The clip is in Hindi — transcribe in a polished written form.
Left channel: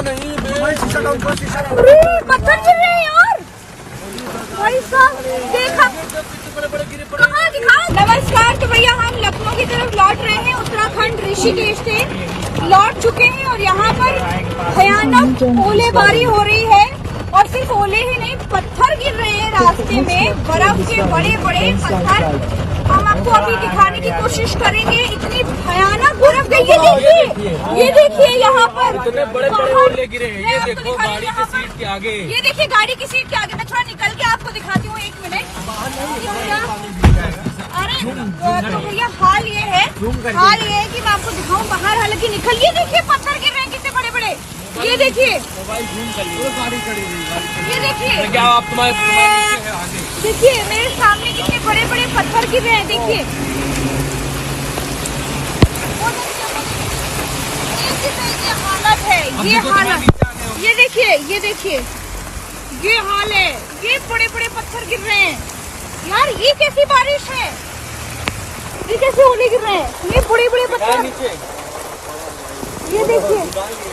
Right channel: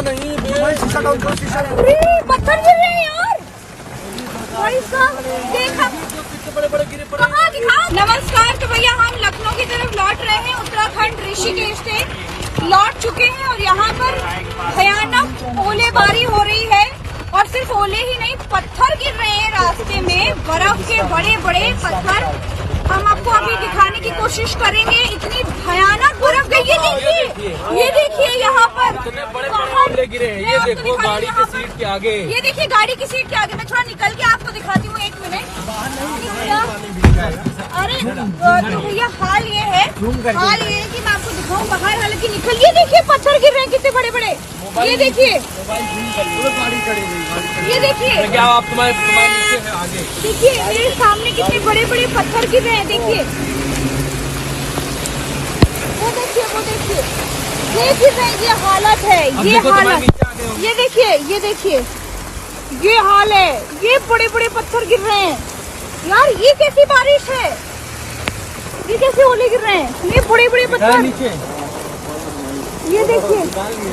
नहीं पत्थर गिर रहे हैं यार, भाई साहब देखा कहाँ दिखाओ। नमस्कार, तो भैया हम लखनऊ की तरफ लौट रहे हैं, उत्तराखंड ऋषिकेश से लौट चुके हैं और यहाँ पर भयानक ओलेबारी हो रही है और सिर्फ ओले ही नहीं, पत्थर गिर रहे हैं रास्ते में, बर्फ के बड़े बड़े पत्थर। हम आपको अभी दिखाने की कोशिश करेंगे, इतनी भयानक बर्फ है। ये देखिए यहाँ पर इतने बड़े बड़े ओले गिरे हैं। ये देखो गाड़ी की सीट के आगे, ये देखिए गाड़ी की सीट के आगे। मैं थोड़ा निकल के आपको दिखाती हूँ, 1 मिनट। अरे तो भैया हाल ये है कि मैं आपको दिखाऊं बाहर, हालांकि निकल। ये देखिए पत्थर गिर रहे हैं कितने बड़े बड़े, ये देखिए, ये देखिए, क्या आप तुम्हारे आगे देखिए मेरे सामने कितने बड़े बड़े पत्थर गिर रहे हैं। देखिए ये हालत है, ये हालत, ये देखिए, ये देखिए, ये हाल है। ये बड़े बड़े पत्थर गिर रहे हैं यार, ये कैसी बारिश है, ये कैसे ओले गिर रहे हैं, ये बड़े बड़े पत्थर, ये देखिए।